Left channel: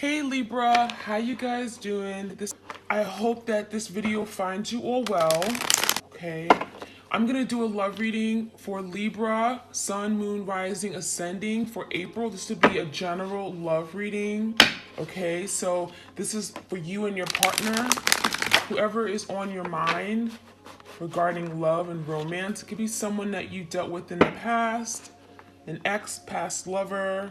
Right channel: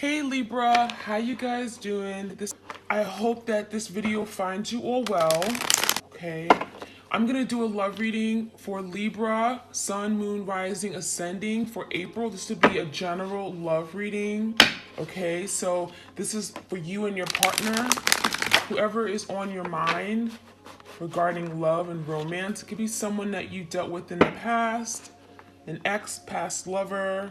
Hey Libra, how you guys doing? I hope that this video finds you all well. Okay, I'm gonna do a love reading for Libra, Sun, Moon, Rising, Ascending for April. This would be a general love reading. Okay, so this is for you and your partner, whoever is on your mind regarding love and romance. It could be someone that you dealt with in the past, an ex, past lover,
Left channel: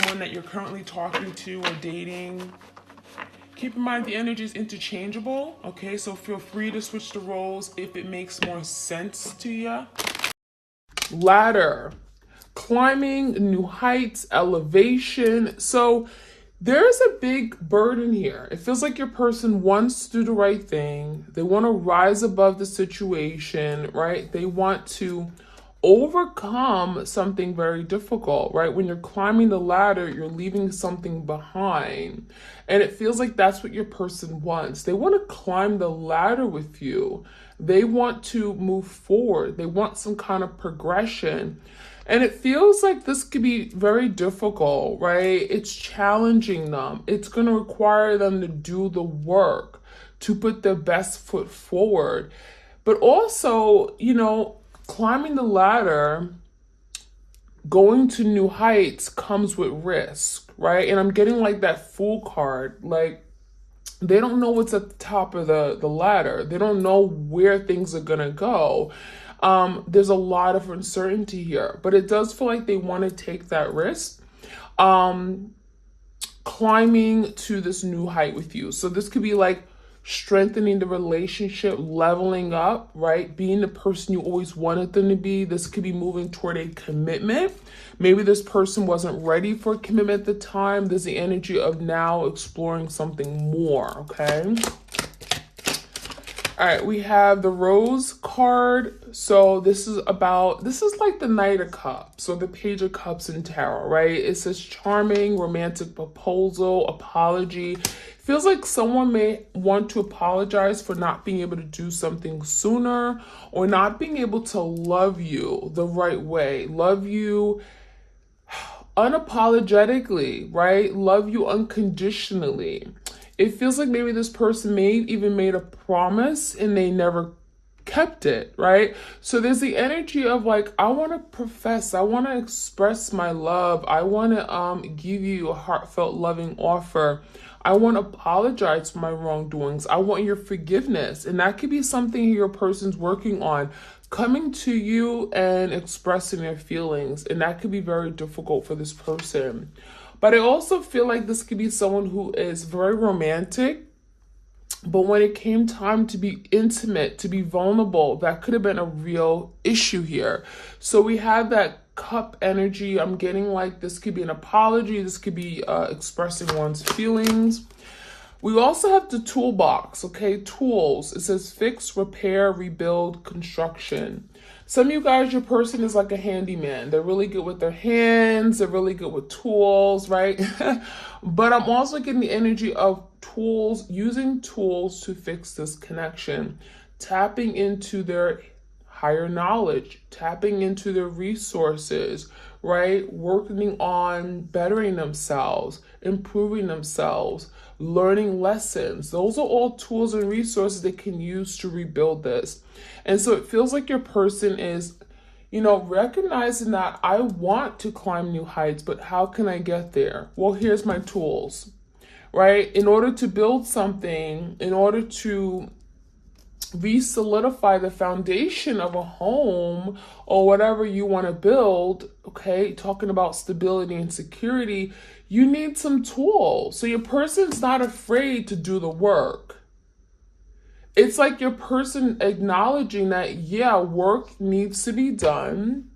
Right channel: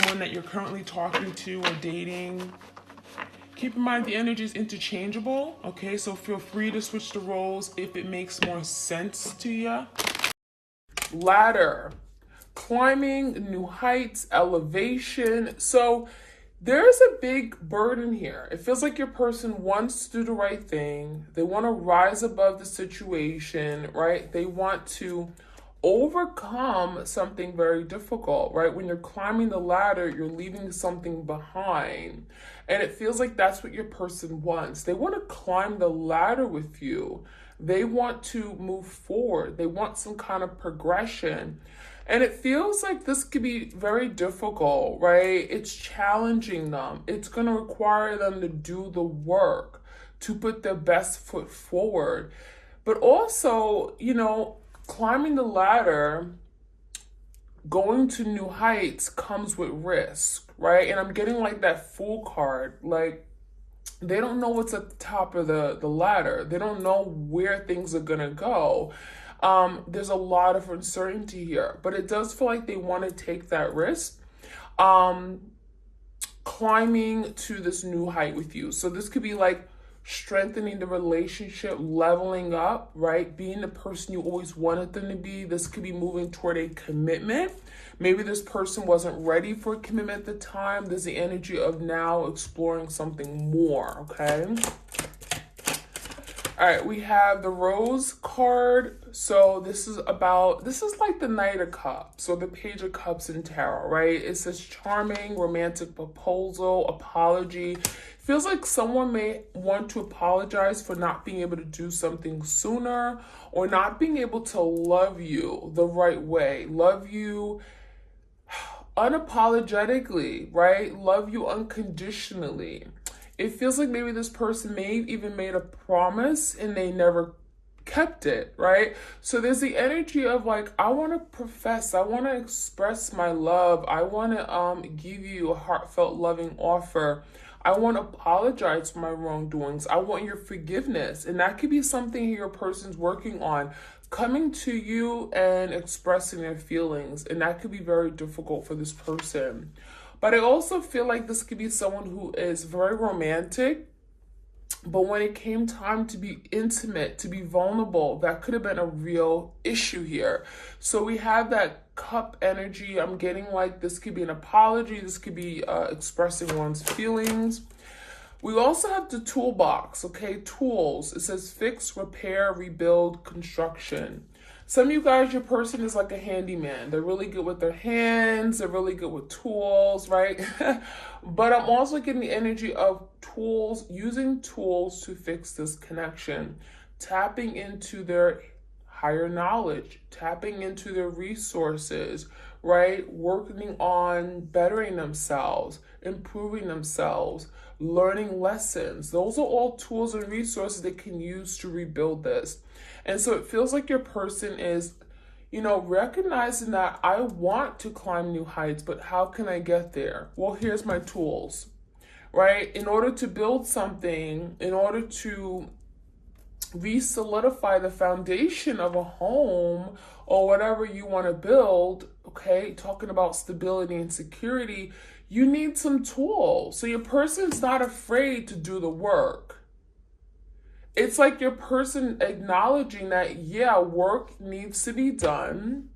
someone that you're currently talking to or dating. Keep in mind the energy is interchangeable, okay? So feel free to switch the roles if it makes more sense to you. Ladder, climbing new heights, elevation. So there's a big burden here. It feels like your person wants to do the right thing. They want to rise above the situation, right? They want to overcome something very difficult, right? When you're climbing the ladder, you're leaving something behind. And it feels like that's what your person wants. They want to climb the ladder with you. They want to move forward. They want some kind of progression. And it feels like this could be very difficult, right? It's challenging them. It's going to require them to do the work, to put their best foot forward. But also, climbing the ladder, going to new heights comes with risk, right? And I'm getting like that Fool card. Like, they don't know what's at the top of the ladder. They don't know where things are gonna go. There's a lot of uncertainty here, but it does feel like they want to take that risk. Climbing to this new height with you. So this could be like strengthening the relationship, leveling up, right? Being the person you always wanted them to be. This could be moving toward a commitment. Maybe this person wasn't ready for a commitment at the time. There's the energy of now exploring something more, okay? All right, we have the Rose card. So this is like the Knight of Cups or the Page of Cups in tarot, right? It says charming, romantic proposal, apology. Feels like someone may want to apologize for not being able to do something sooner or not being able to love you the right way. Love you unapologetically, right? Love you unconditionally. It feels like maybe this person even made a promise and they never kept it, right? So there's the energy of like, I want to profess, I want to express my love. I want to give you a heartfelt, loving offer. I want to apologize for my wrongdoings. I want your forgiveness. And that could be something your person's working on, coming to you and expressing their feelings. And that could be very difficult for this person. But I also feel like this could be someone who is very romantic, but when it came time to be intimate, to be vulnerable, that could have been a real issue here. So we have that cup energy. I'm getting like this could be an apology. This could be expressing one's feelings. We also have the toolbox, okay? Tools. It says fix, repair, rebuild, construction. Some of you guys, your person is like a handyman. They're really good with their hands. They're really good with tools, right? But I'm also getting the energy of tools, using tools to fix this connection, tapping into their higher knowledge, tapping into their resources, right? Working on bettering themselves, improving themselves, learning lessons. Those are all tools and resources they can use to rebuild this. And so it feels like your person is, recognizing that I want to climb new heights, but how can I get there? Well, here's my tools, right? In order to build something, in order to re-solidify the foundation of a home or whatever you want to build, okay, talking about stability and security, you need some tools. So your person's not afraid to do the work. It's like your person acknowledging that, yeah, work needs to be done,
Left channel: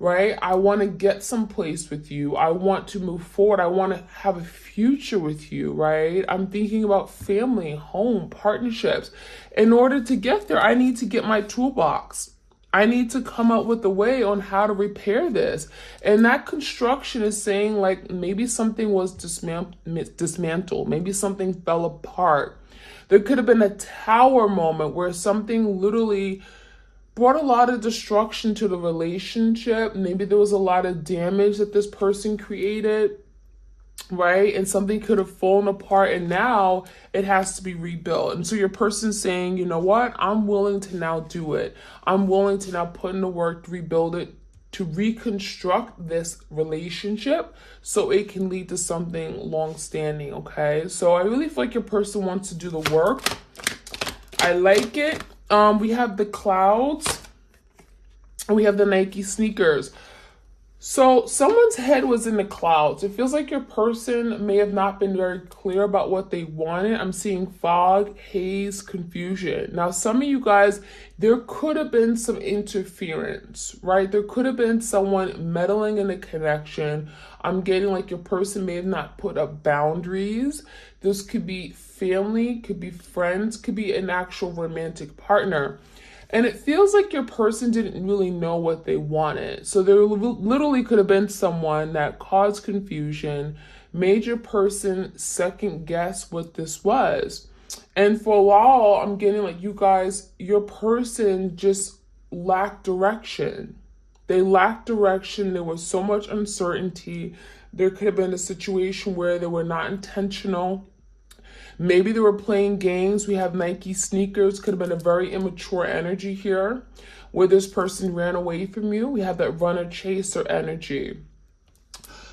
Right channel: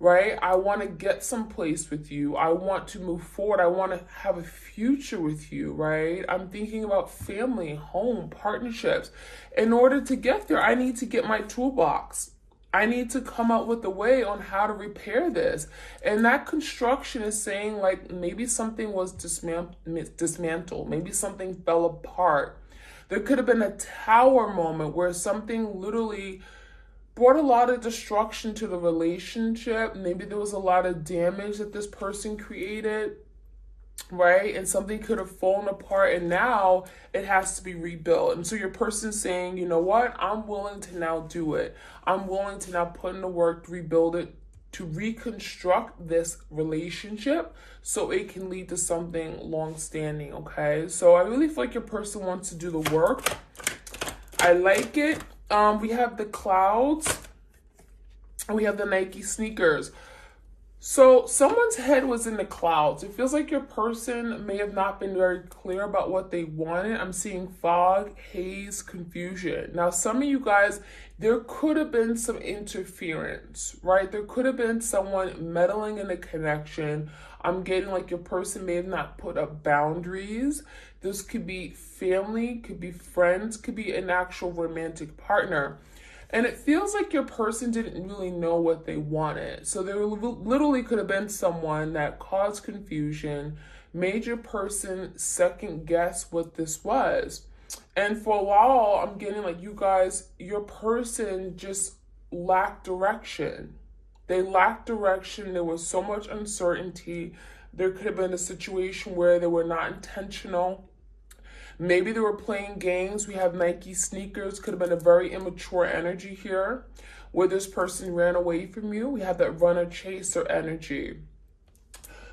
right? I want to get someplace with you. I want to move forward. I want to have a future with you, right? I'm thinking about family, home, partnerships. In order to get there, I need to get my toolbox. I need to come up with a way on how to repair this. And that construction is saying like maybe something was dismantled. Maybe something fell apart. There could have been a tower moment where something literally brought a lot of destruction to the relationship. Maybe there was a lot of damage that this person created. right? And something could have fallen apart and now it has to be rebuilt. And so your person's saying, you know what? I'm willing to now do it. I'm willing to now put in the work to rebuild it, to reconstruct this relationship so it can lead to something long-standing, okay? So I really feel like your person wants to do the work. I like it. We have the clouds and we have the Nike sneakers. So someone's head was in the clouds. It feels like your person may have not been very clear about what they wanted. I'm seeing fog, haze, confusion. Now, some of you guys, there could have been some interference, right? There could have been someone meddling in the connection. I'm getting like your person may have not put up boundaries. This could be family, could be friends, could be an actual romantic partner. And it feels like your person didn't really know what they wanted. So there literally could have been someone that caused confusion, made your person second guess what this was. And for a while, I'm getting like you guys, your person just lacked direction. They lacked direction. There was so much uncertainty. There could have been a situation where they were not intentional. Maybe they were playing games. We have Nike sneakers. Could have been a very immature energy here where this person ran away from you. We have that runner chaser energy.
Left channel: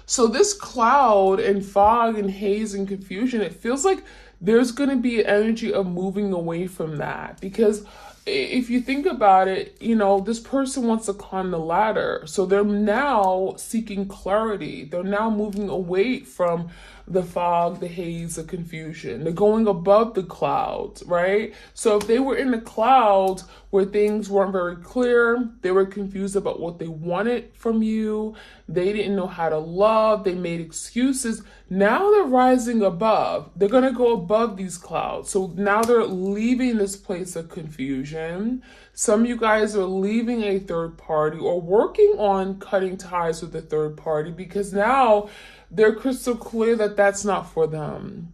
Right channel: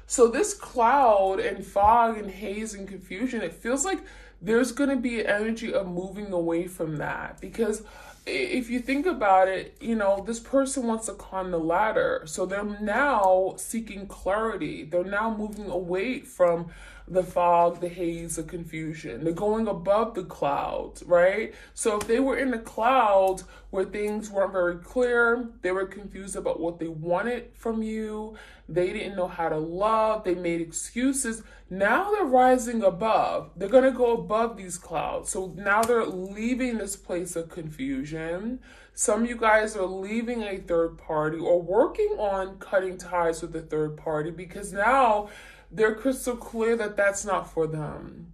So this cloud and fog and haze and confusion, it feels like there's going to be an energy of moving away from that. Because if you think about it, you know, this person wants to climb the ladder. So they're now seeking clarity. They're now moving away from the fog, the haze, the confusion. They're going above the clouds, right? So if they were in the clouds where things weren't very clear, they were confused about what they wanted from you, they didn't know how to love, they made excuses. Now they're rising above. They're going to go above these clouds. So now they're leaving this place of confusion. Some of you guys are leaving a third party or working on cutting ties with a third party because now they're crystal clear that that's not for them,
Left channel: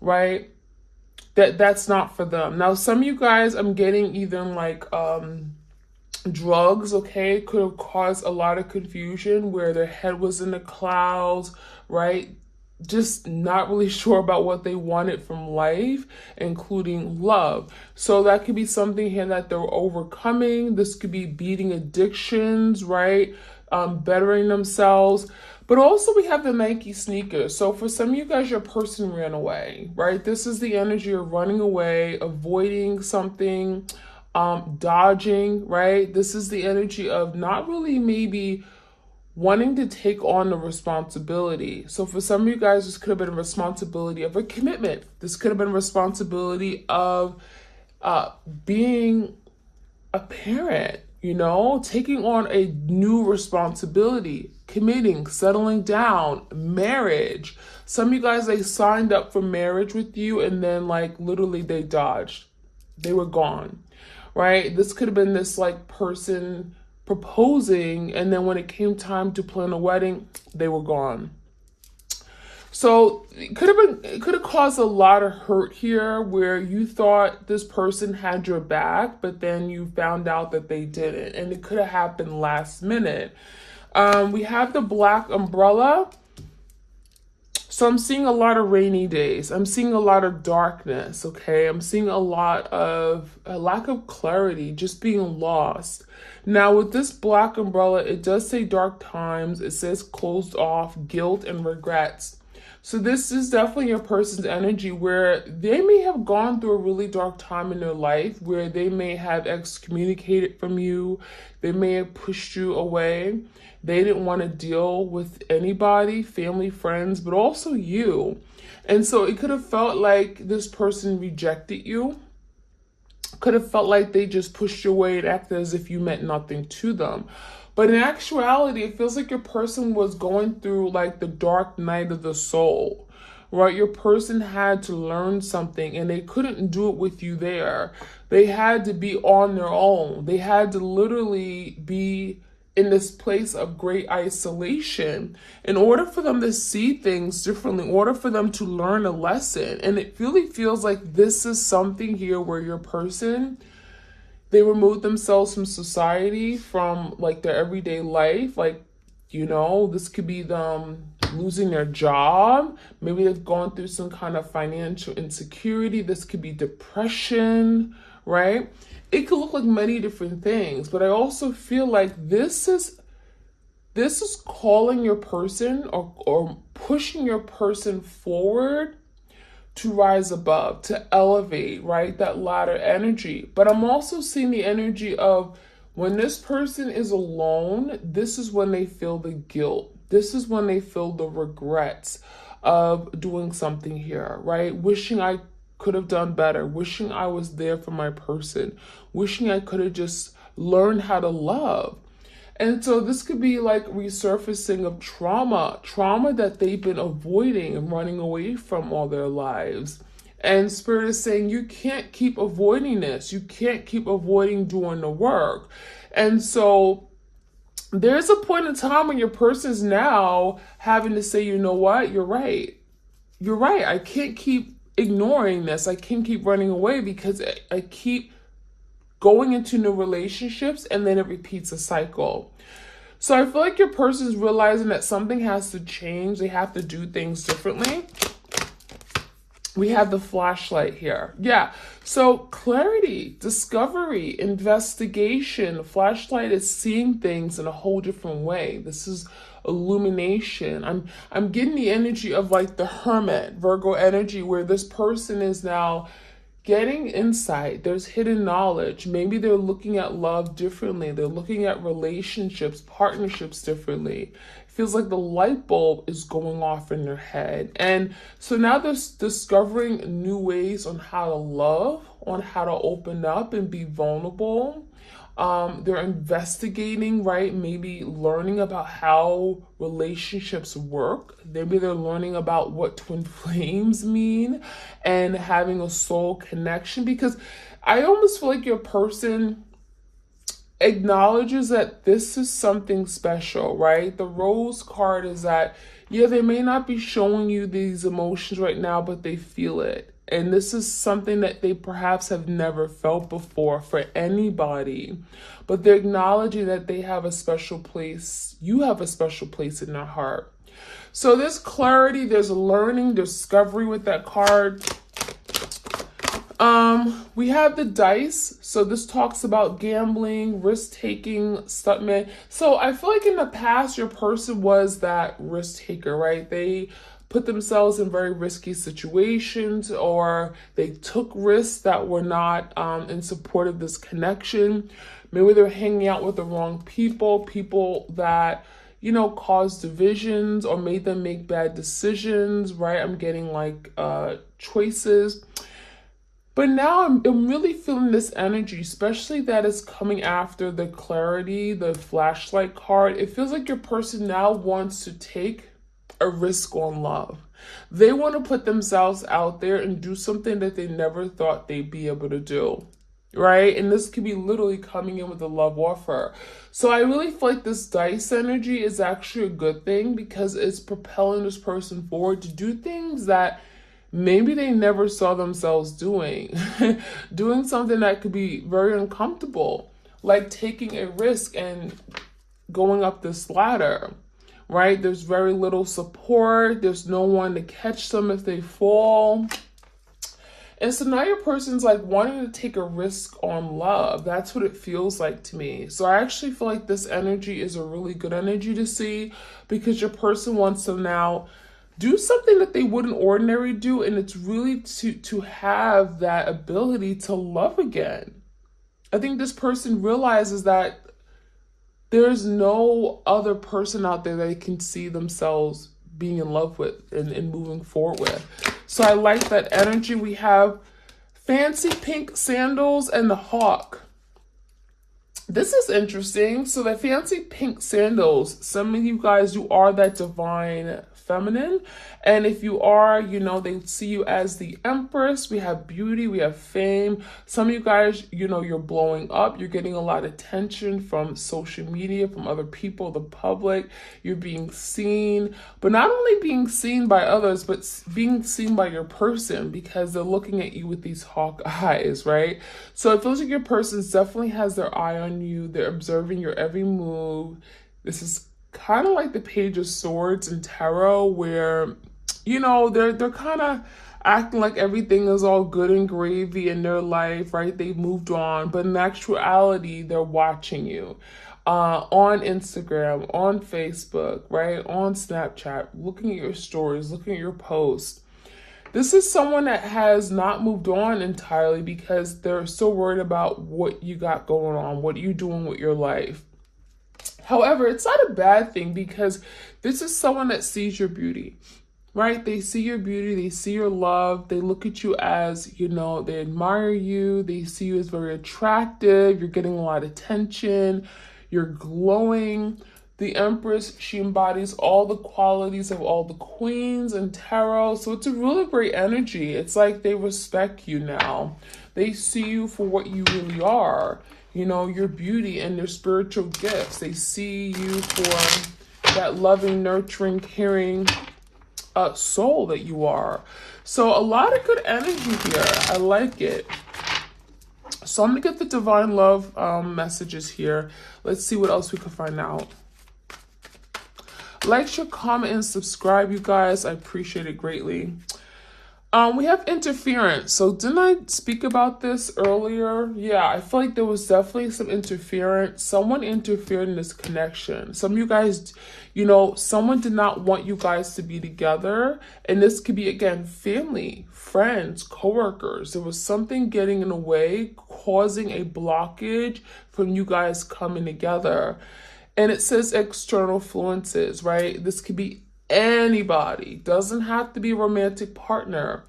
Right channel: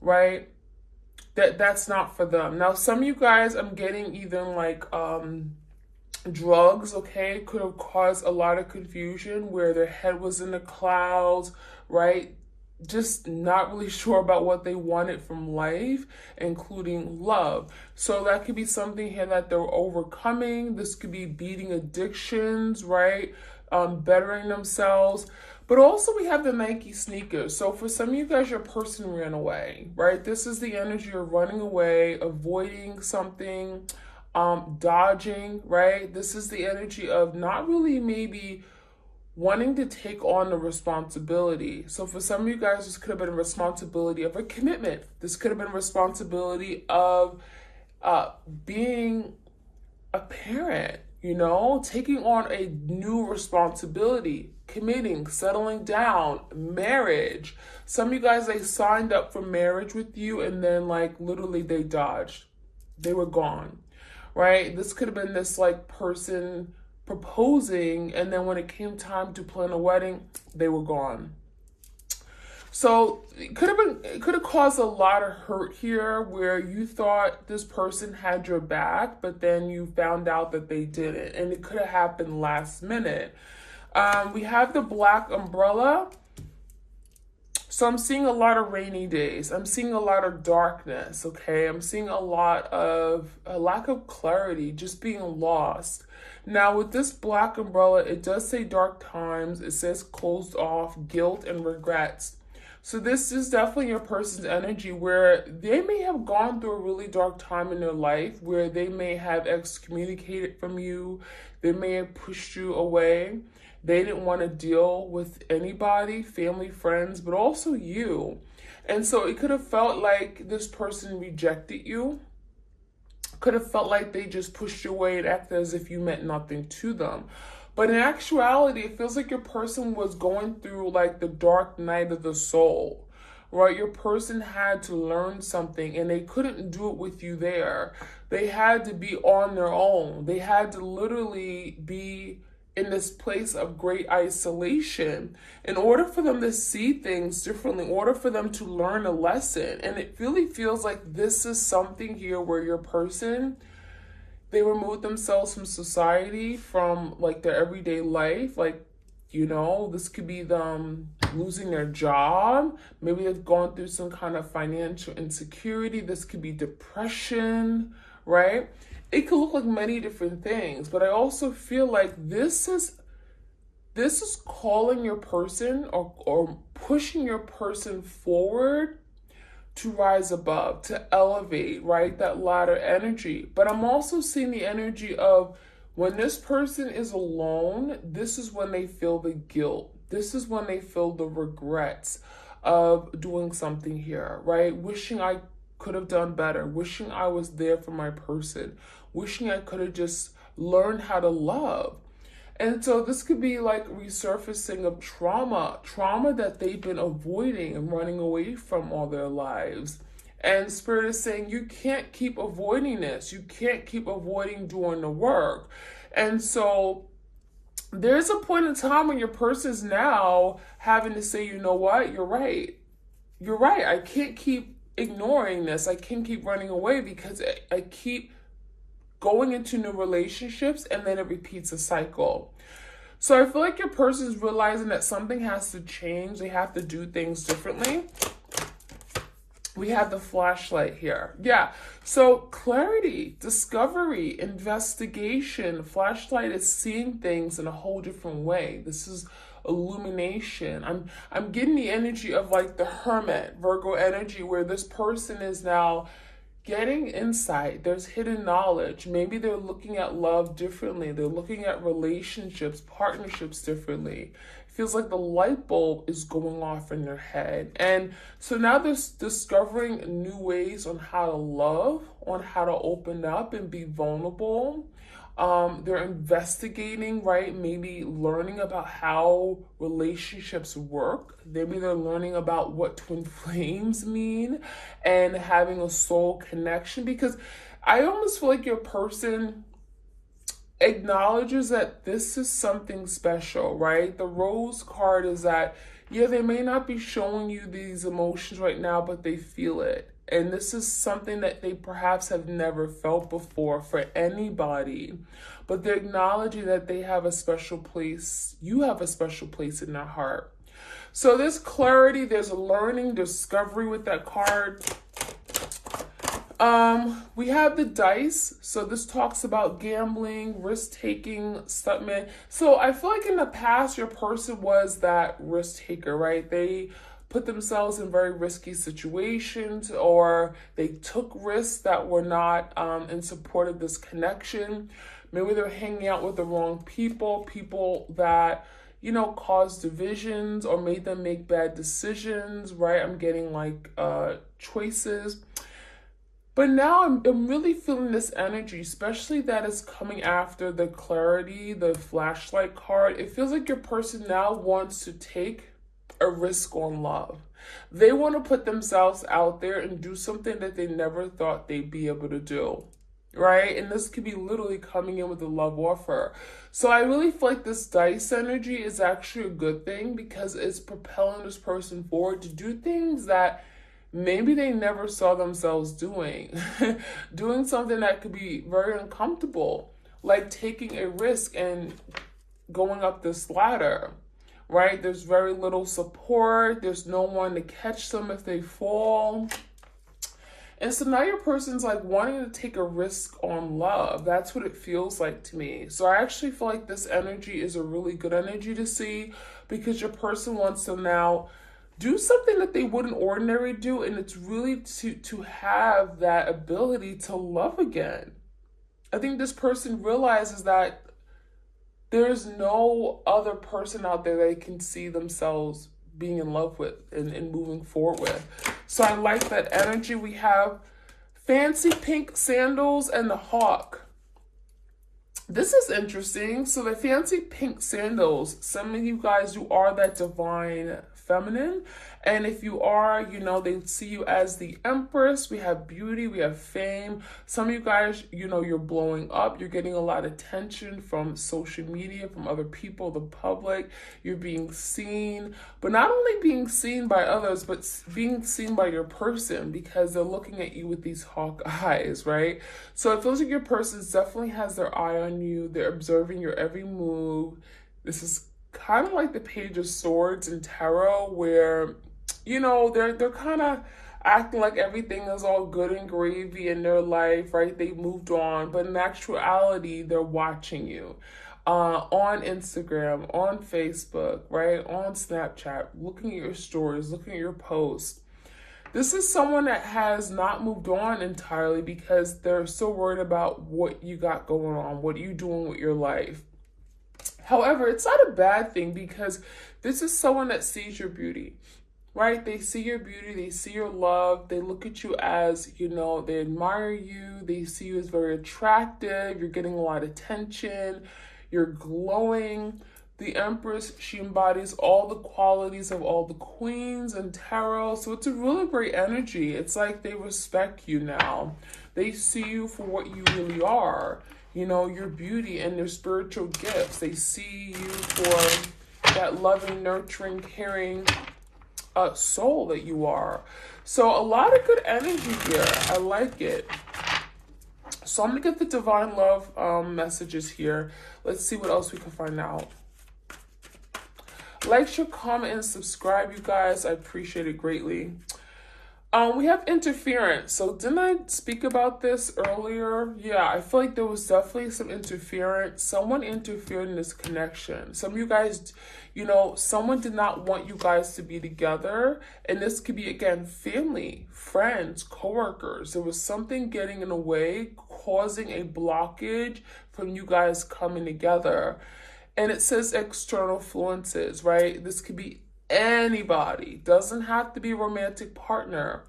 right? That's not for them. Now, some of you guys, I'm getting either like drugs, okay, could have caused a lot of confusion where their head was in the clouds, right? Just not really sure about what they wanted from life, including love. So that could be something here that they're overcoming. This could be beating addictions, right? Bettering themselves. But also we have the Nike sneakers. So for some of you guys, your person ran away, right? This is the energy of running away, avoiding something, dodging, right? This is the energy of not really maybe wanting to take on the responsibility. So for some of you guys, this could have been a responsibility of a commitment. This could have been a responsibility of being a parent, you know, taking on a new responsibility, committing, settling down, marriage. Some of you guys, they signed up for marriage with you and then like literally they dodged. They were gone, right? This could have been this like person proposing and then when it came time to plan a wedding, they were gone. So it could have caused a lot of hurt here where you thought this person had your back, but then you found out that they didn't. And it could have happened last minute. We have the black umbrella. So I'm seeing a lot of rainy days. I'm seeing a lot of darkness, okay? I'm seeing a lot of a lack of clarity, just being lost. Now with this black umbrella, it does say dark times. It says closed off, guilt and regrets. So this is definitely your person's energy where they may have gone through a really dark time in their life where they may have excommunicated from you. They may have pushed you away. They didn't want to deal with anybody, family, friends, but also you. And so it could have felt like this person rejected you. Could have felt like they just pushed you away and acted as if you meant nothing to them. But in actuality, it feels like your person was going through like the dark night of the soul, right? Your person had to learn something and they couldn't do it with you there. They had to be on their own. They had to literally be in this place of great isolation in order for them to see things differently, in order for them to learn a lesson. And it really feels like this is something here where your person, they removed themselves from society, from like their everyday life. Like You know, this could be them losing their job. Maybe they've gone through some kind of financial insecurity. This could be depression, right? It could look like many different things, but I also feel like this is calling your person or pushing your person forward to rise above, to elevate, right? That ladder energy. But I'm also seeing the energy of when this person is alone, this is when they feel the guilt. This is when they feel the regrets of doing something here, right? Wishing I could have done better, wishing I was there for my person, wishing I could have just learned how to love. And so this could be like resurfacing of trauma that they've been avoiding and running away from all their lives. And Spirit is saying, you can't keep avoiding this. You can't keep avoiding doing the work. And so there's a point in time when your person is now having to say, you know what, you're right. You're right. I can't keep ignoring this. I can't keep running away because I keep going into new relationships and then it repeats a cycle. So I feel like your person is realizing that something has to change. They have to do things differently. We have the flashlight here. Yeah. So clarity, discovery, investigation. Flashlight is seeing things in a whole different way. This is illumination. I'm getting the energy of like the Hermit, Virgo energy, where this person is now getting insight. There's hidden knowledge. Maybe they're looking at love differently. They're looking at relationships, partnerships differently. It feels like the light bulb is going off in their head. And so now they're discovering new ways on how to love, on how to open up and be vulnerable. They're investigating, right? Maybe learning about how relationships work. Maybe they're learning about what twin flames mean and having a soul connection, because I almost feel like your person acknowledges that this is something special, right? The Rose card is that, yeah, they may not be showing you these emotions right now, but they feel it. And this is something that they perhaps have never felt before for anybody. But they're acknowledging that they have a special place. You have a special place in their heart. So there's clarity, there's learning, discovery with that card. We have the dice. So this talks about gambling, risk-taking, stuntman. So I feel like in the past, your person was that risk taker, right? They put themselves in very risky situations, or they took risks that were not in support of this connection. Maybe they're hanging out with the wrong people that, you know, caused divisions or made them make bad decisions, right? I'm getting like choices. But now I'm really feeling this energy, especially that is coming after the clarity, the flashlight card. It feels like your person now wants to take a risk on love. They want to put themselves out there and do something that they never thought they'd be able to do, right? And this could be literally coming in with a love offer. So I really feel like this dice energy is actually a good thing, because it's propelling this person forward to do things that maybe they never saw themselves doing. Doing something that could be very uncomfortable, like taking a risk and going up this ladder, right? There's very little support. There's no one to catch them if they fall. And so now your person's like wanting to take a risk on love. That's what it feels like to me. So I actually feel like this energy is a really good energy to see, because your person wants to now do something that they wouldn't ordinarily do. And it's really to have that ability to love again. I think this person realizes that there's no other person out there they can see themselves being in love with and moving forward with. So I like that energy. We have fancy pink sandals and the hawk. This is interesting. So the fancy pink sandals, some of you guys, you are that divine feminine. And if you are, you know, they see you as the empress. We have beauty, we have fame. Some of you guys, you know, you're blowing up. You're getting a lot of attention from social media, from other people, the public. You're being seen, but not only being seen by others, but being seen by your person, because they're looking at you with these hawk eyes, right? So it feels like your person definitely has their eye on you. They're observing your every move. This is kind of like the Page of Swords in tarot, where, you know, they're kind of acting like everything is all good and gravy in their life, right? They've moved on, but in actuality, they're watching you on Instagram, on Facebook, right? On Snapchat, looking at your stories, looking at your posts. This is someone that has not moved on entirely because they're so worried about what you got going on, what you're doing with your life. However, it's not a bad thing because this is someone that sees your beauty, right? They see your beauty, they see your love, they look at you as, you know, they admire you, they see you as very attractive, you're getting a lot of attention, you're glowing. The Empress, she embodies all the qualities of all the queens in tarot. So it's a really great energy. It's like they respect you now. They see you for what you really are. You know, your beauty and your spiritual gifts. They see you for that loving, nurturing, caring soul that you are. So a lot of good energy here. I like it. So I'm going to get the Divine Love messages here. Let's see what else we can find out. Like, share, comment, and subscribe, you guys. I appreciate it greatly. We have interference. So didn't I speak about this earlier? Yeah, I feel like there was definitely some interference. Someone interfered in this connection. Some of you guys, you know, someone did not want you guys to be together. And this could be, again, family, friends, coworkers. There was something getting in the way, causing a blockage from you guys coming together. And it says external influences, right? This could be anybody. Doesn't have to be a romantic partner.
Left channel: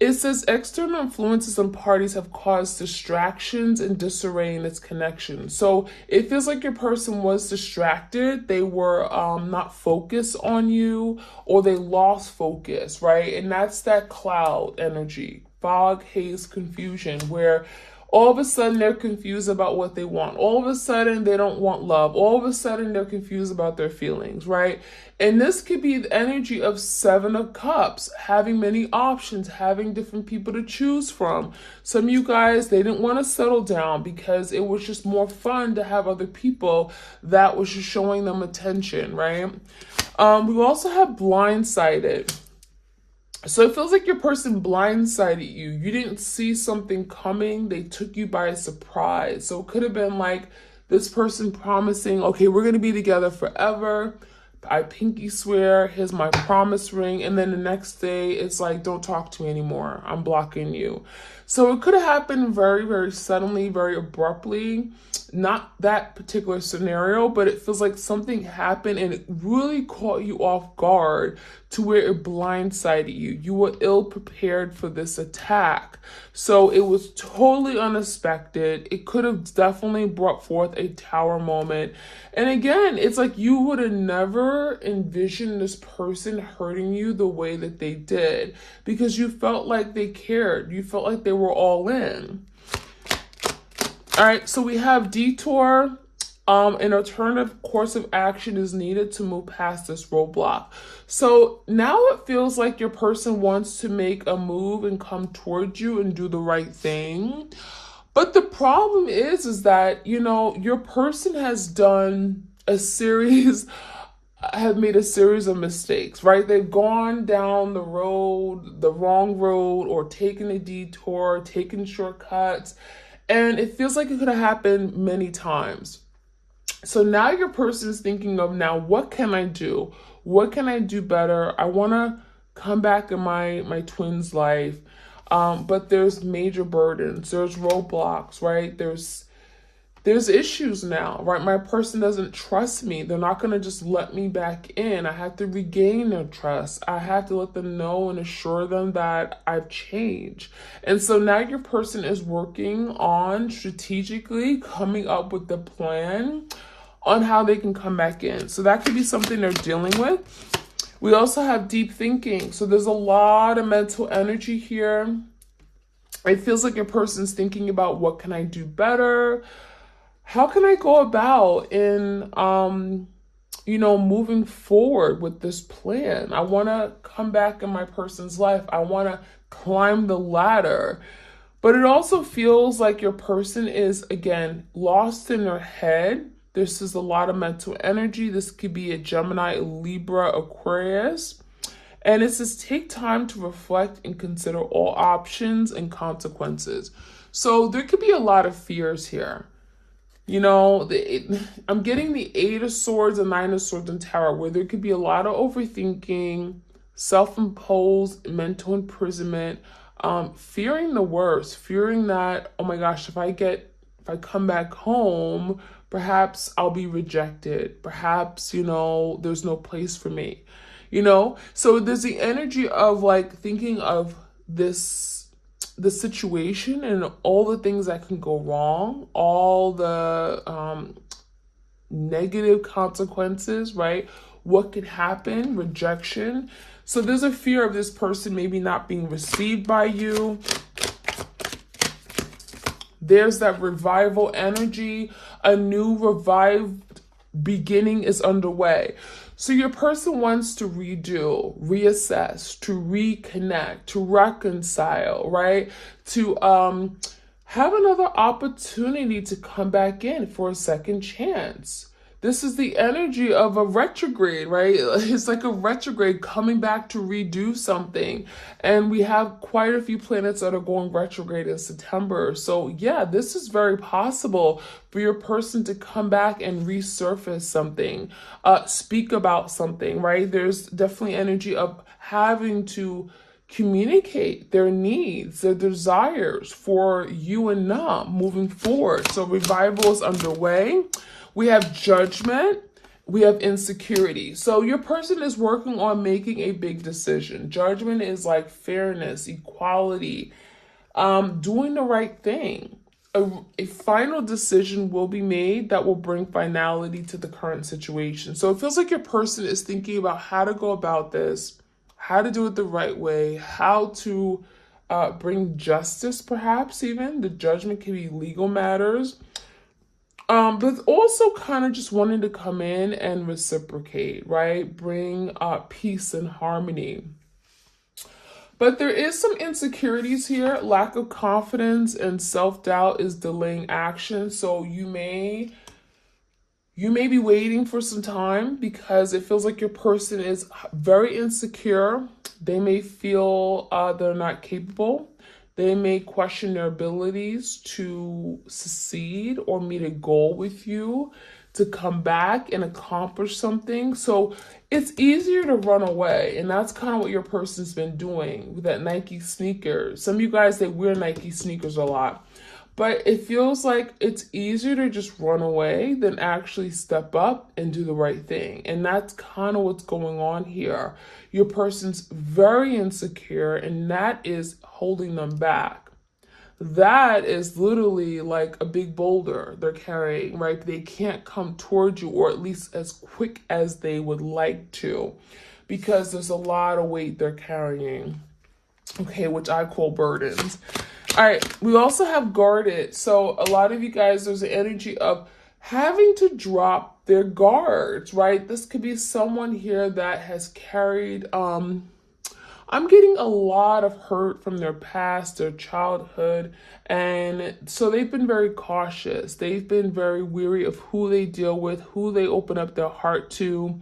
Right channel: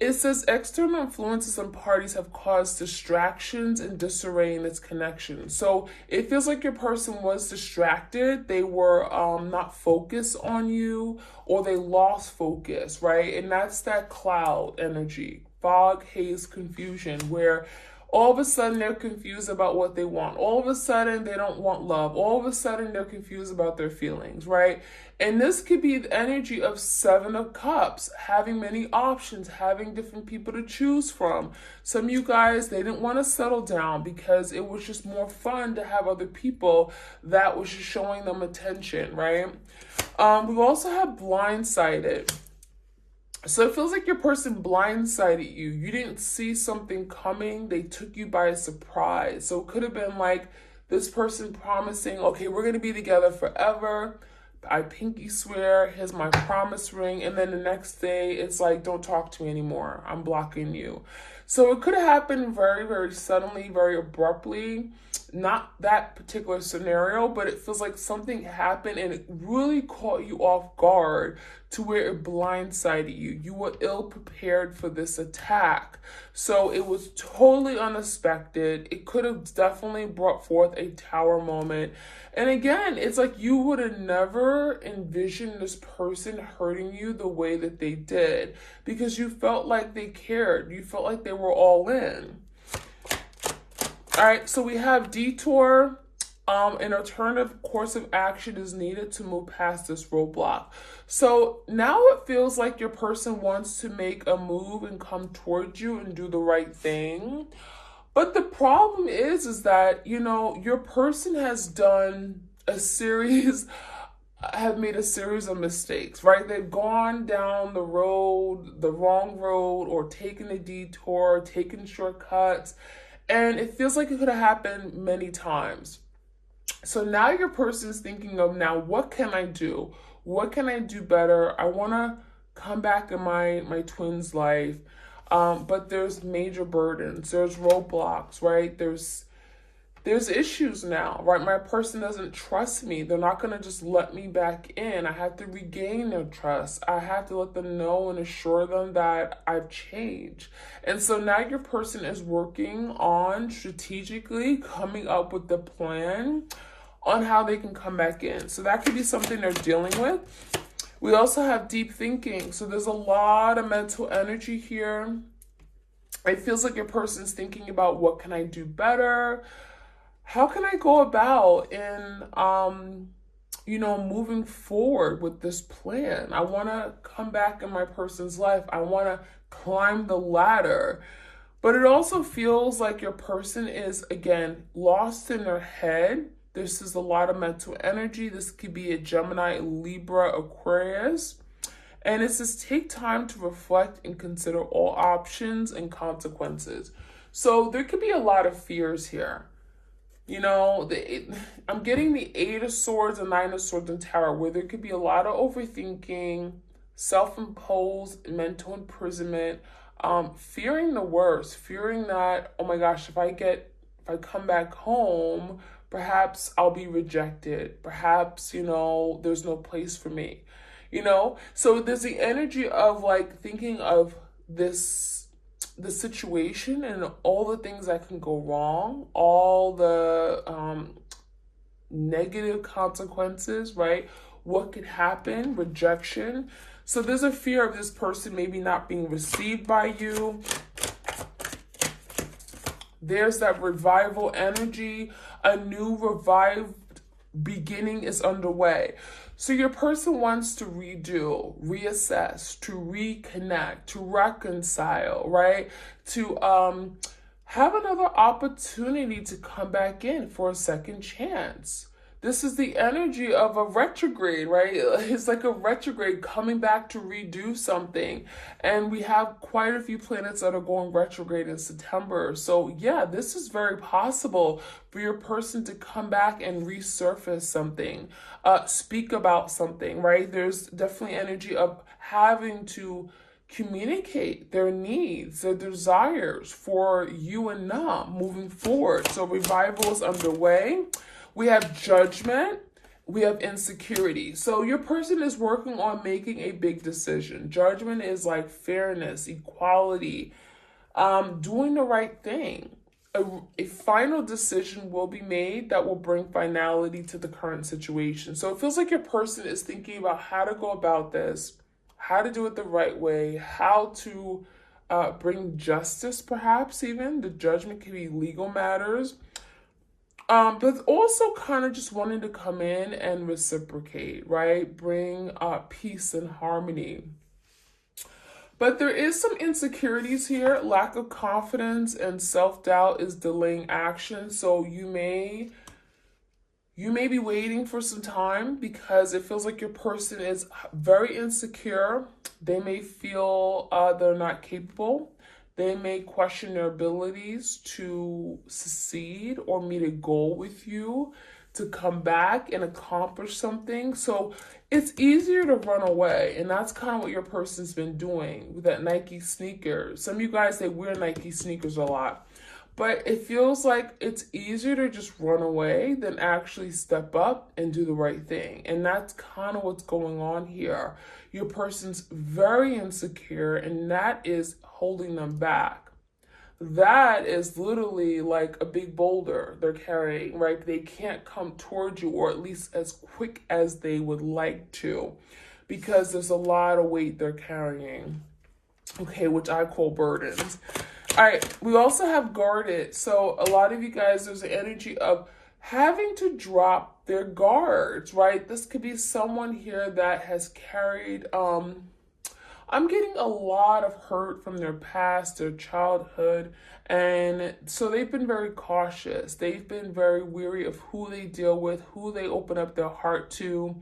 It says external influences and parties have caused distractions and disarray in its connection. So it feels like your person was distracted. They were not focused on you, or they lost focus, right? And that's that cloud energy, fog, haze, confusion, where all of a sudden they're confused about what they want. All of a sudden they don't want love. All of a sudden they're confused about their feelings, right? And this could be the energy of Seven of Cups, having many options, having different people to choose from. Some of you guys, they didn't want to settle down because it was just more fun to have other people that was just showing them attention, right? We also have blindsided. So it feels like your person blindsided you. You didn't see something coming. They took you by surprise. So it could have been like this person promising, okay, we're going to be together forever. I pinky swear, here's my promise ring. And then the next day it's like, don't talk to me anymore. I'm blocking you. So it could have happened very, very suddenly, very abruptly. Not that particular scenario, but it feels like something happened and it really caught you off guard to where it blindsided you. You were ill prepared for this attack. So it was totally unexpected. It could have definitely brought forth a tower moment. And again, it's like you would have never envisioned this person hurting you the way that they did because you felt like they cared. You felt like they were all in. All right, so we have detour. An alternative course of action is needed to move past this roadblock. So now it feels like your person wants to make a move and come towards you and do the right thing. But the problem is that, you know, your person has done have made a series of mistakes, right? They've gone down the road, the wrong road, or taken a detour, taken shortcuts. And it feels like it could have happened many times. So now your person is thinking of, now, what can I do? What can I do better? I want to come back in my twin's life. But there's major burdens. There's roadblocks, right? There's issues now, right? My person doesn't trust me. They're not going to just let me back in. I have to regain their trust. I have to let them know and assure them that I've changed. And so now your person is working on strategically coming up with the plan on how they can come back in. So that could be something they're dealing with. We also have deep thinking. So there's a lot of mental energy here. It feels like your person's thinking about, what can I do better? How can I go about in, moving forward with this plan? I want to come back in my person's life. I want to climb the ladder. But it also feels like your person is, again, lost in their head. This is a lot of mental energy. This could be a Gemini, Libra, Aquarius. And it says take time to reflect and consider all options and consequences. So there could be a lot of fears here. You know, I'm getting the Eight of Swords and Nine of Swords in Tarot, where there could be a lot of overthinking, self-imposed mental imprisonment, fearing the worst, fearing that, oh my gosh, if I come back home, perhaps I'll be rejected. Perhaps, you know, there's no place for me. You know, so there's the energy of like thinking of the situation and all the things that can go wrong, all the negative consequences, right? What could happen, rejection. So there's a fear of this person maybe not being received by you. There's that revival energy. A new revived beginning is underway. So your person wants to redo, reassess, to reconnect, to reconcile, right? To have another opportunity to come back in for a second chance. This is the energy of a retrograde, right? It's like a retrograde coming back to redo something. And we have quite a few planets that are going retrograde in September. So yeah, this is very possible for your person to come back and resurface something, speak about something, right? There's definitely energy of having to communicate their needs, their desires for you and them moving forward. So revival is underway. We have judgment, we have insecurity. So your person is working on making a big decision. Judgment is like fairness, equality, doing the right thing. A final decision will be made that will bring finality to the current situation. So it feels like your person is thinking about how to go about this, how to do it the right way, how to bring justice, perhaps even. The judgment can be legal matters. But also kind of just wanting to come in and reciprocate, right? Bring peace and harmony. But there is some insecurities here. Lack of confidence and self-doubt is delaying action. So you may be waiting for some time because it feels like your person is very insecure. They may feel they're not capable. They may question their abilities to succeed or meet a goal with you, to come back and accomplish something. So it's easier to run away. And that's kind of what your person's been doing with that Nike sneaker. Some of you guys, they wear Nike sneakers a lot. But it feels like it's easier to just run away than actually step up and do the right thing. And that's kind of what's going on here. Your person's very insecure, and that is holding them back. That is literally like a big boulder they're carrying, right? They can't come towards you, or at least as quick as they would like to, because there's a lot of weight they're carrying, okay, which I call burdens. All right, we also have guarded. So a lot of you guys, there's an energy of having to drop their guards, right? This could be someone here that has carried, I'm getting a lot of hurt from their past, their childhood. And so they've been very cautious. They've been very weary of who they deal with, who they open up their heart to.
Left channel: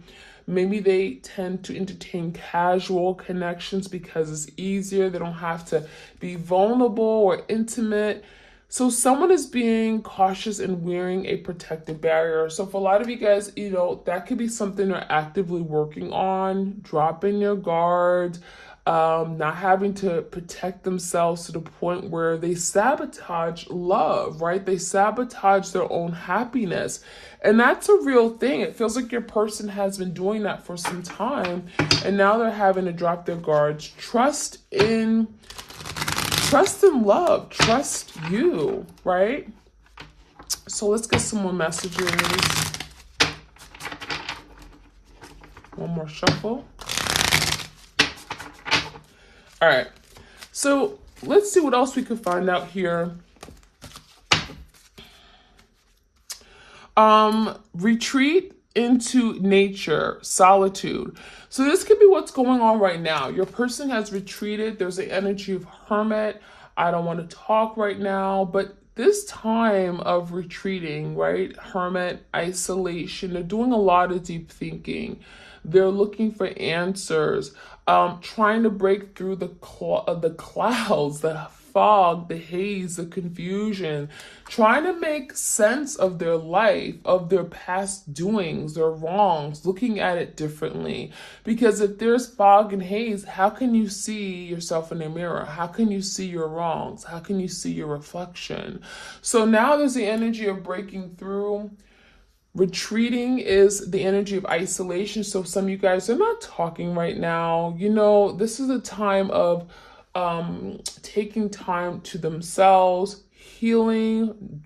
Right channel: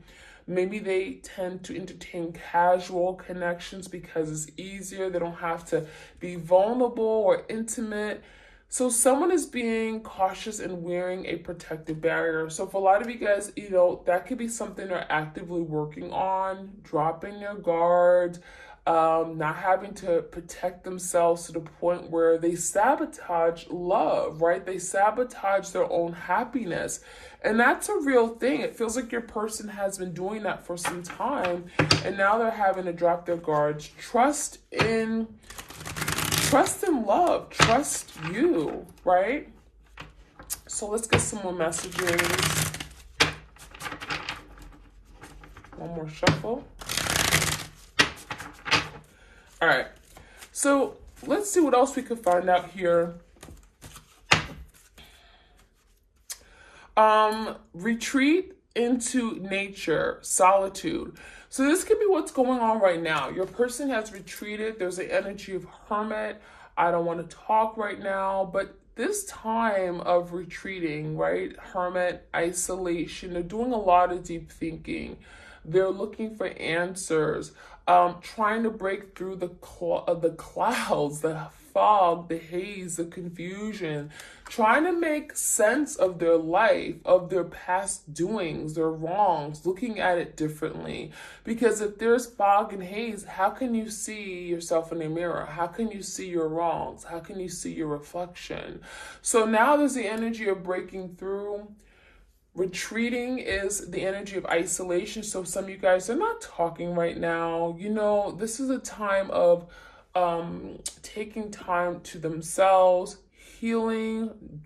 Maybe they tend to entertain casual connections because it's easier. They don't have to be vulnerable or intimate. So someone is being cautious and wearing a protective barrier. So for a lot of you guys, you know, that could be something they're actively working on, dropping your guard, not having to protect themselves to the point where they sabotage love, right? They sabotage their own happiness. And that's a real thing. It feels like your person has been doing that for some time, and now they're having to drop their guards. Trust in love, trust you, right? So let's get some more messages. One more shuffle. All right, so let's see what else we could find out here. Retreat into nature, solitude. So this could be what's going on right now. Your person has retreated. There's the energy of hermit. I don't want to talk right now, but this time of retreating, right? Hermit, isolation, they're doing a lot of deep thinking. They're looking for answers, trying to break through the clouds, the fog, the haze, the confusion, trying to make sense of their life, of their past doings, their wrongs, looking at it differently. Because if there's fog and haze, how can you see yourself in the mirror? How can you see your wrongs? How can you see your reflection? So now there's the energy of breaking through. Retreating is the energy of isolation. So some of you guys are not talking right now. You know, this is a time of taking time to themselves, healing,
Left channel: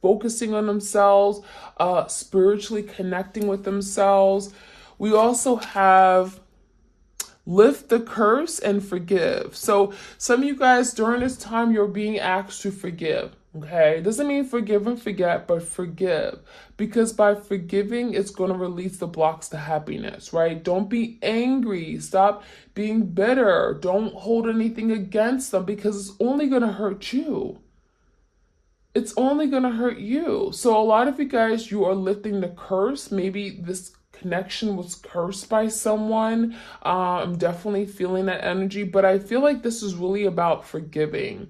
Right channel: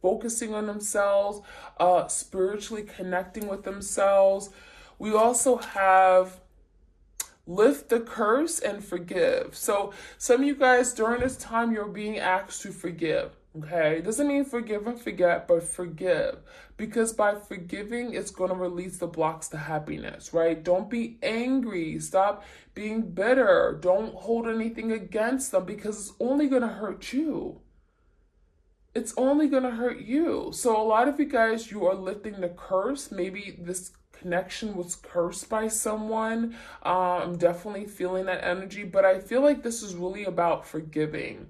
focusing on themselves, spiritually connecting with themselves. We also have lift the curse and forgive. So some of you guys during this time, you're being asked to forgive. Okay, it doesn't mean forgive and forget, but forgive. Because by forgiving, it's going to release the blocks to happiness, right? Don't be angry. Stop being bitter. Don't hold anything against them because it's only going to hurt you. It's only going to hurt you. So a lot of you guys, you are lifting the curse. Maybe this connection was cursed by someone. I'm definitely feeling that energy, but I feel like this is really about forgiving.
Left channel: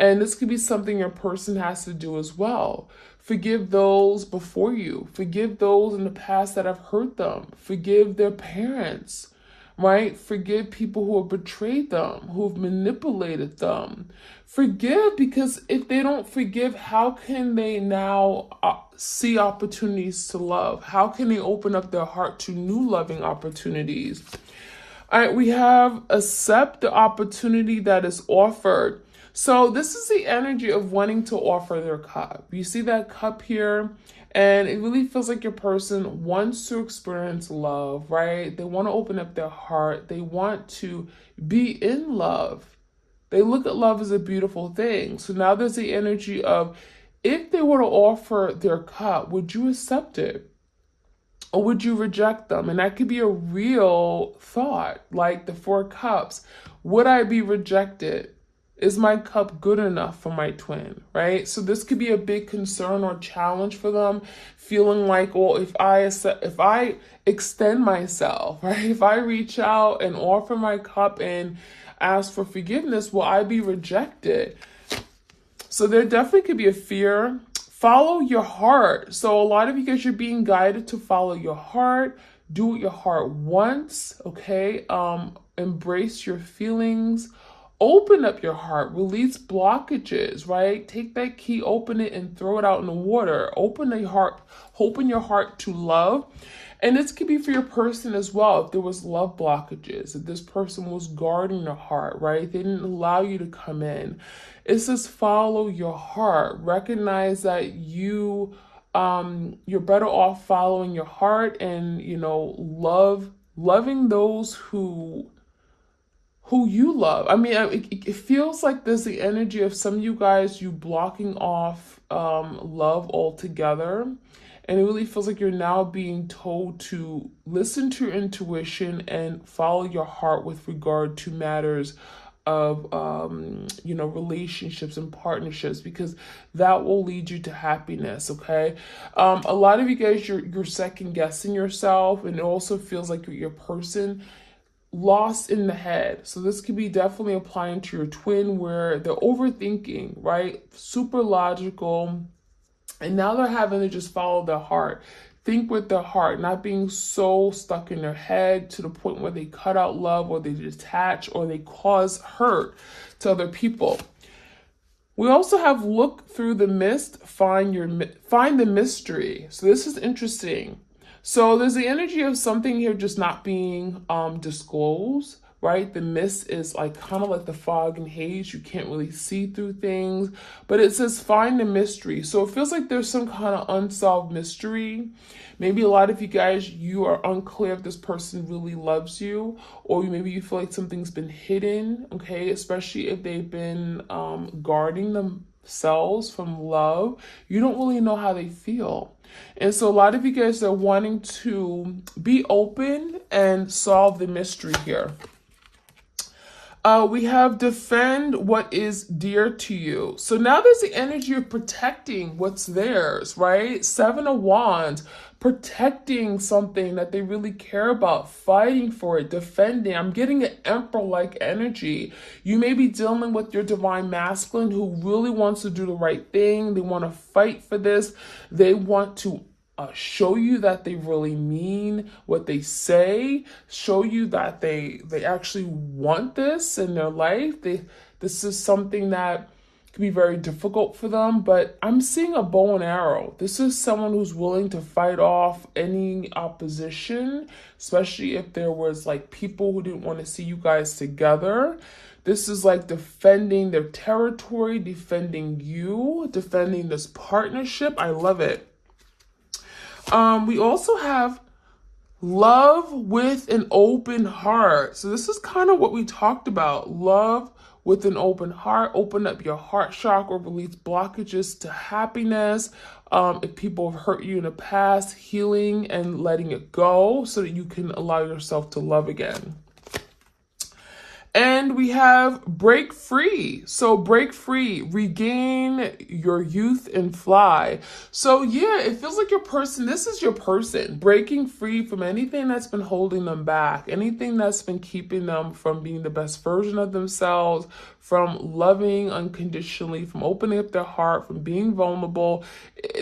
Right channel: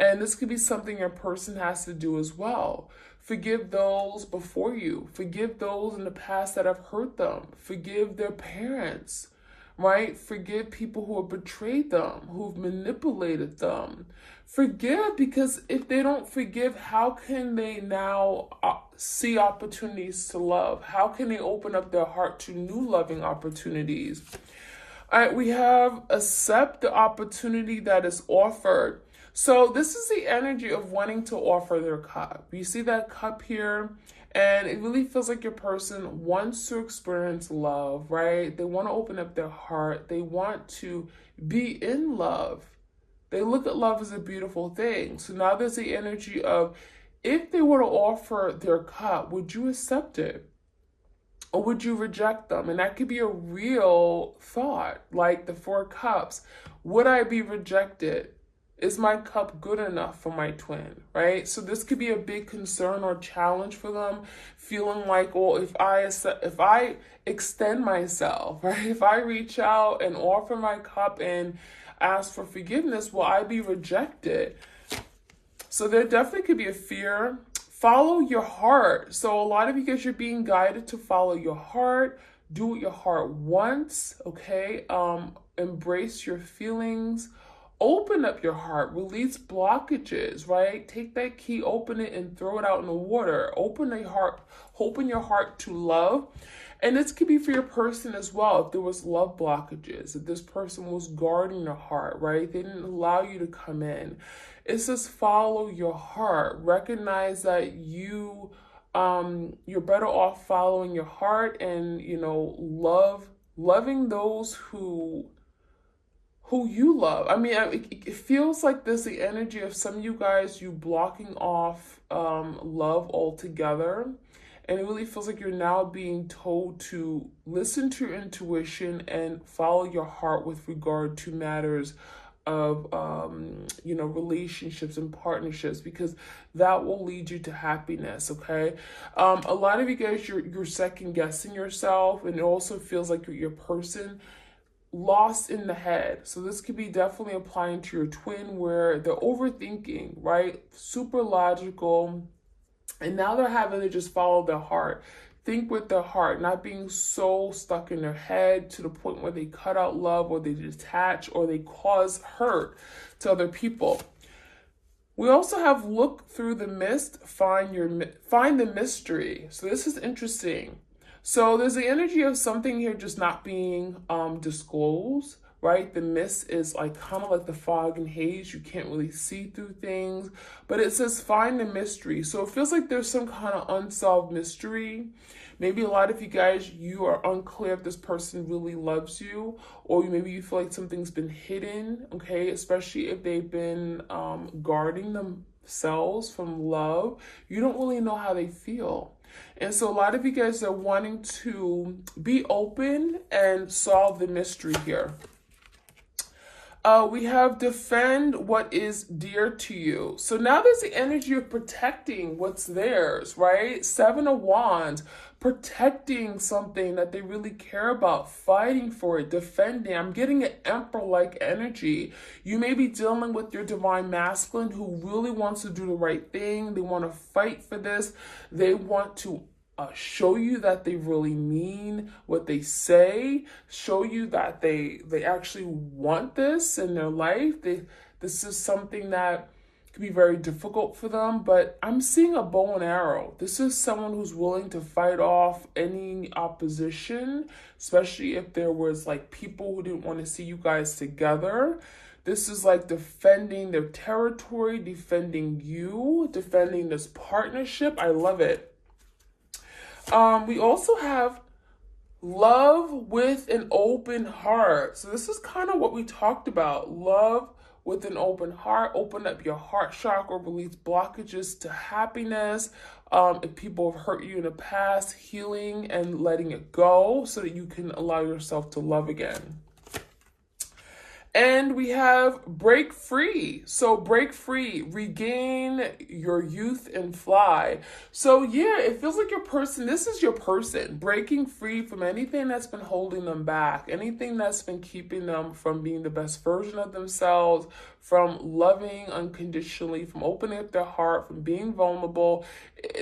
And this could be something your person has to do as well. Forgive those before you. Forgive those in the past that have hurt them. Forgive their parents, right? Forgive people who have betrayed them, who have manipulated them. Forgive, because if they don't forgive, how can they now see opportunities to love? How can they open up their heart to new loving opportunities? All right, we have accept the opportunity that is offered. So this is the energy of wanting to offer their cup. You see that cup here? And it really feels like your person wants to experience love, right? They want to open up their heart. They want to be in love. They look at love as a beautiful thing. So now there's the energy of, if they were to offer their cup, would you accept it? Or would you reject them? And that could be a real thought, like the 4 cups. Would I be rejected? Is my cup good enough for my twin, right? So this could be a big concern or challenge for them, feeling like, well, if I extend myself, right? If I reach out and offer my cup and ask for forgiveness, will I be rejected? So there definitely could be a fear. Follow your heart. So a lot of you guys, you're being guided to follow your heart. Do what your heart wants, okay? Embrace your feelings. Open up your heart, release blockages, right? Take that key, open it, and throw it out in the water. Open your heart to love. And this could be for your person as well. If there was love blockages, if this person was guarding their heart, right? They didn't allow you to come in. It says follow your heart. Recognize that you're better off following your heart and, loving those who you love. I mean, it feels like there's the energy of some of you guys, you blocking off love altogether. And it really feels like you're now being told to listen to your intuition and follow your heart with regard to matters of, relationships and partnerships, because that will lead you to happiness, okay? A lot of you guys, you're second guessing yourself, and it also feels like your person lost in the head. So this could be definitely applying to your twin, where they're overthinking, right? Super logical. And now they're having to just follow their heart. Think with their heart, not being so stuck in their head to the point where they cut out love, or they detach, or they cause hurt to other people. We also have look through the mist, find the mystery. So this is interesting. So there's the energy of something here just not being disclosed, right? The mist is like kind of like the fog and haze. You can't really see through things, but it says find the mystery. So it feels like there's some kind of unsolved mystery. Maybe a lot of you guys, you are unclear if this person really loves you, or maybe you feel like something's been hidden, okay? Especially if they've been guarding themselves from love. You don't really know how they feel. And so a lot of you guys are wanting to be open and solve the mystery here. We have defend what is dear to you. So now there's the energy of protecting what's theirs, right? Seven of Wands, protecting something that they really care about, fighting for it, defending. I'm getting an emperor-like energy. You may be dealing with your divine masculine who really wants to do the right thing. They want to fight for this. They want to show you that they really mean what they say, show you that they actually want this in their life. This is something that can be very difficult for them, but I'm seeing a bow and arrow. This is someone who's willing to fight off any opposition, especially if there was like people who didn't want to see you guys together. This is like defending their territory, defending you, defending this partnership. I love it. We also have love with an open heart. So this is kind of what we talked about. Love with an open heart. Open up your heart chakra, release blockages to happiness. If people have hurt you in the past, healing and letting it go so that you can allow yourself to love again. And we have break free. So break free, regain your youth and fly. So yeah, it feels like your person, this is your person, breaking free from anything that's been holding them back, anything that's been keeping them from being the best version of themselves, from loving unconditionally, from opening up their heart, from being vulnerable.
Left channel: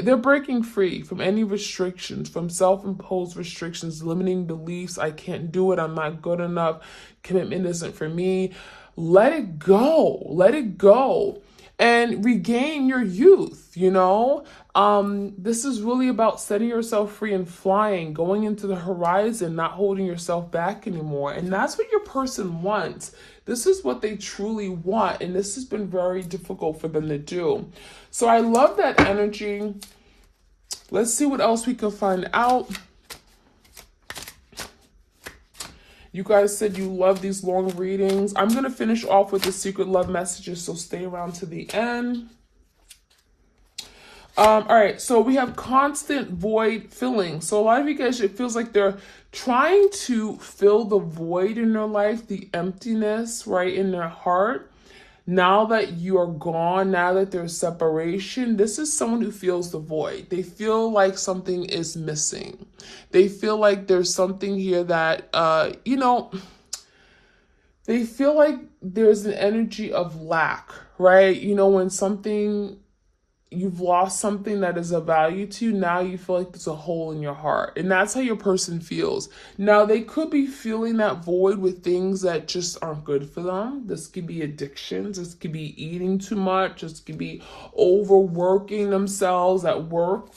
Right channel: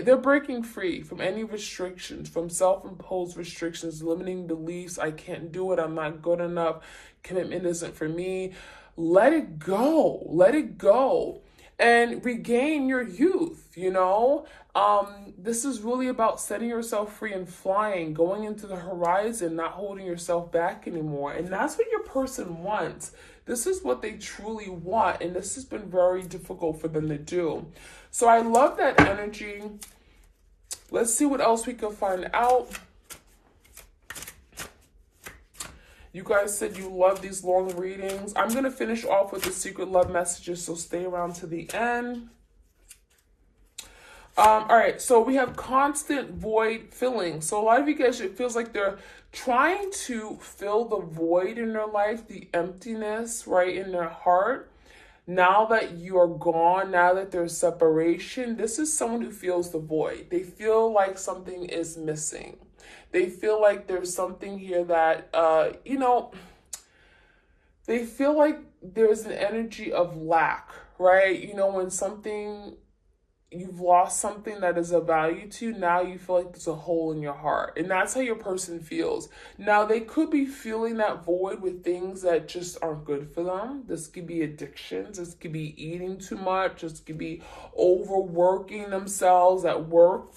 They're breaking free from any restrictions, from self-imposed restrictions, limiting beliefs. I can't do it. I'm not good enough. Commitment isn't for me. Let it go. Let it go and regain your youth, you know? This is really about setting yourself free and flying, going into the horizon, not holding yourself back anymore. And that's what your person wants. This is what they truly want. And this has been very difficult for them to do. So I love that energy. Let's see what else we can find out. You guys said you love these long readings. I'm going to finish off with the secret love messages, so stay around to the end. All right, so we have constant void filling. So a lot of you guys, it feels like they're trying to fill the void in their life, the emptiness, right, in their heart. Now that you are gone, now that there's separation, this is someone who feels the void. They feel like something is missing. They feel like there's something here that, you know, they feel like there's an energy of lack, right? You know, when something, you've lost something that is of value to you, now you feel like there's a hole in your heart. And that's how your person feels. Now, they could be feeling that void with things that just aren't good for them. This could be addictions. This could be eating too much. This could be overworking themselves at work.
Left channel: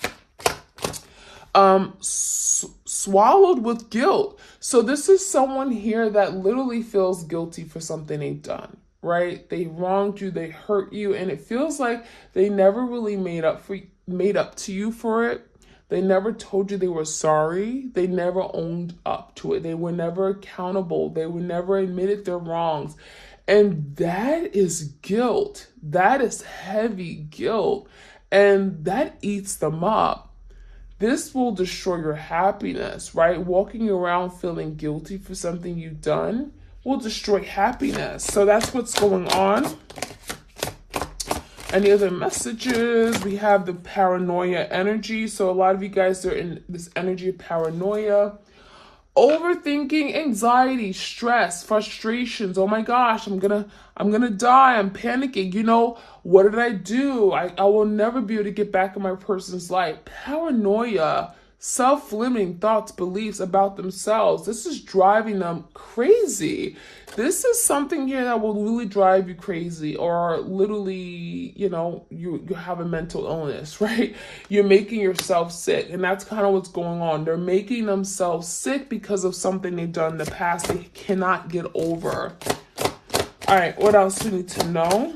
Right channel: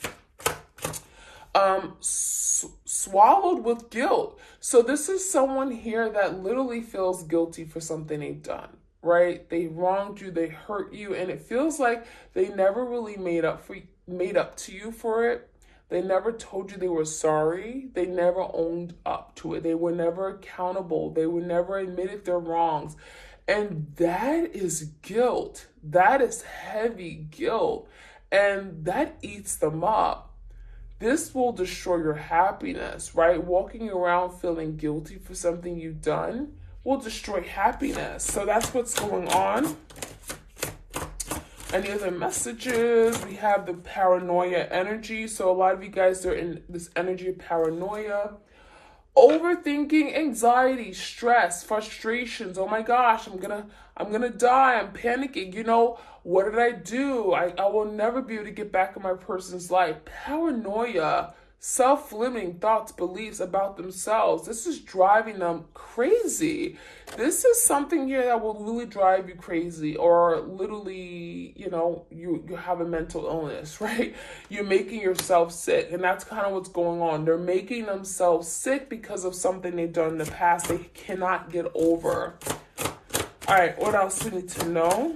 Swallowed with guilt. So this is someone here that literally feels guilty for something they've done. Right? They wronged you, they hurt you, and it feels like they never really made up to you for it. They never told you they were sorry. They never owned up to it. They were never accountable. They were never admitted their wrongs. And that is guilt. That is heavy guilt. And that eats them up. This will destroy your happiness, right? Walking around feeling guilty for something you've done will destroy happiness. So that's what's going on. Any other messages? We have the paranoia energy. So a lot of you guys are in this energy of paranoia. Overthinking, anxiety, stress, frustrations. Oh my gosh, I'm gonna die. I'm panicking. You know, what did I do? I will never be able to get back in my person's life. Paranoia, self-limiting thoughts, beliefs about themselves. This is driving them crazy. This is something here that will really drive you crazy, or literally, you know, you have a mental illness, right? You're making yourself sick, and that's kind of what's going on. They're making themselves sick because of something they've done in the past they cannot get over. All right, what else do we need to know?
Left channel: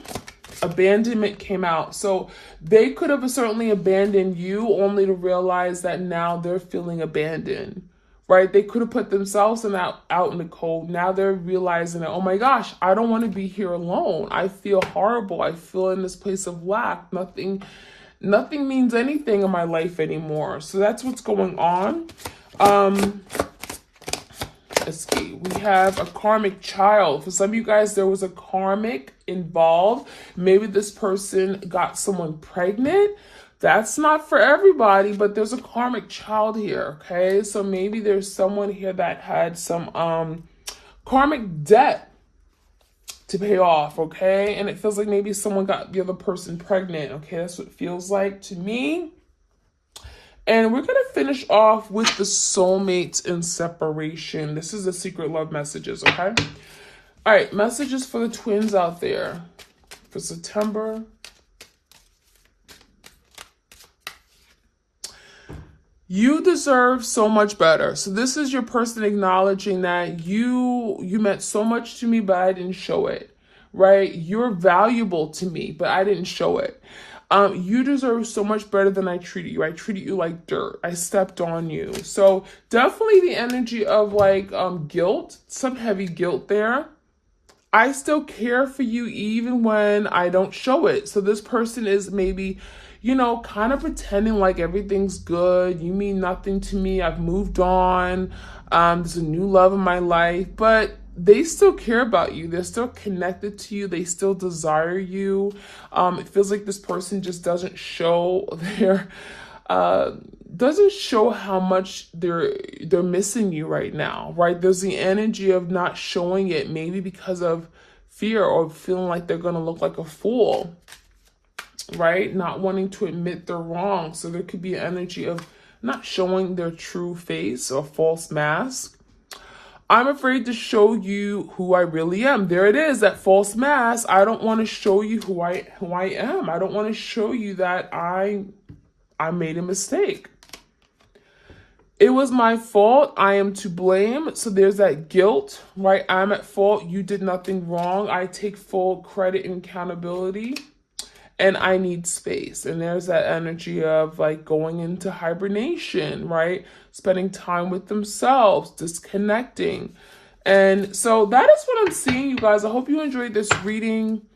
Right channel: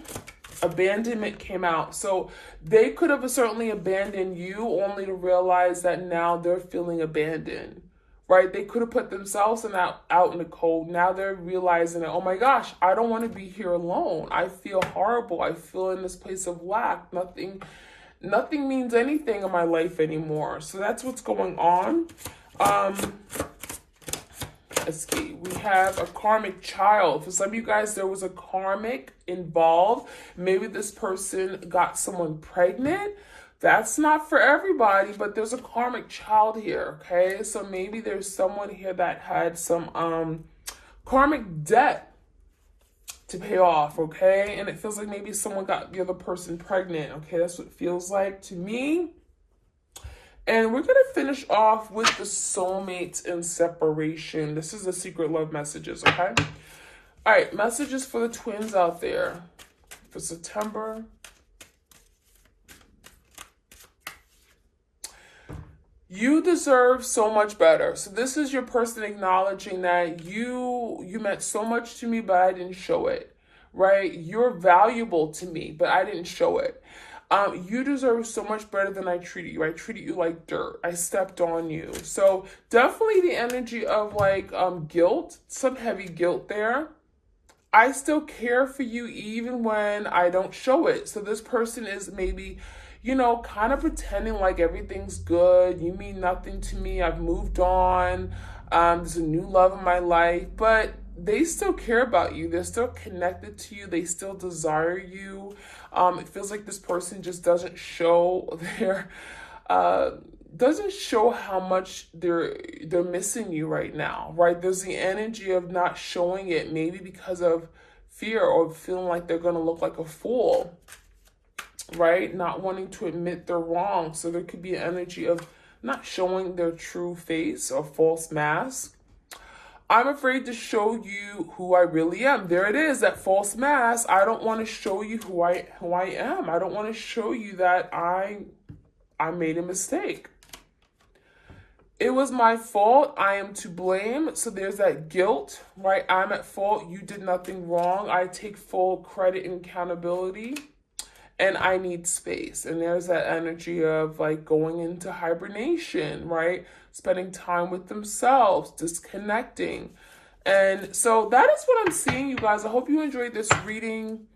Abandonment came out. So they could have certainly abandoned you only to realize that now they're feeling abandoned, right? They could have put themselves out in the cold. Now they're realizing that, oh my gosh, I don't want to be here alone. I feel horrible. I feel in this place of lack. Nothing means anything in my life anymore. So that's what's going on. escape. We have a karmic child. For some of you guys, there was a karmic involved. Maybe this person got someone pregnant. That's not for everybody, but there's a karmic child here, okay? So maybe there's someone here that had some karmic debt to pay off, okay? And it feels like maybe someone got the other person pregnant, okay? That's what it feels like to me. And we're going to finish off with the soulmates and separation. This is the secret love messages, okay? All right, messages for the twins out there for September. You deserve so much better. So this is your person acknowledging that you meant so much to me, but I didn't show it, right? You're valuable to me, but I didn't show it. You deserve so much better than I treated you. I treated you like dirt. I stepped on you. So definitely the energy of like guilt, some heavy guilt there. I still care for you even when I don't show it. So this person is maybe, you know, kind of pretending like everything's good. You mean nothing to me. I've moved on. There's a new love in my life, but they still care about you. They're still connected to you. They still desire you. It feels like this person just doesn't show how much they're missing you right now, right? There's the energy of not showing it, maybe because of fear or feeling like they're gonna look like a fool, right? Not wanting to admit they're wrong. So there could be an energy of not showing their true face or false mask. I'm afraid to show you who I really am. There it is, that false mask. I don't want to show you who I am. I don't want to show you that I made a mistake. It was my fault. I am to blame. So there's that guilt, right? I'm at fault. You did nothing wrong. I take full credit and accountability. And I need space. And there's that energy of like going into hibernation, right? Spending time with themselves, disconnecting. And so that is what I'm seeing, you guys. I hope you enjoyed this reading.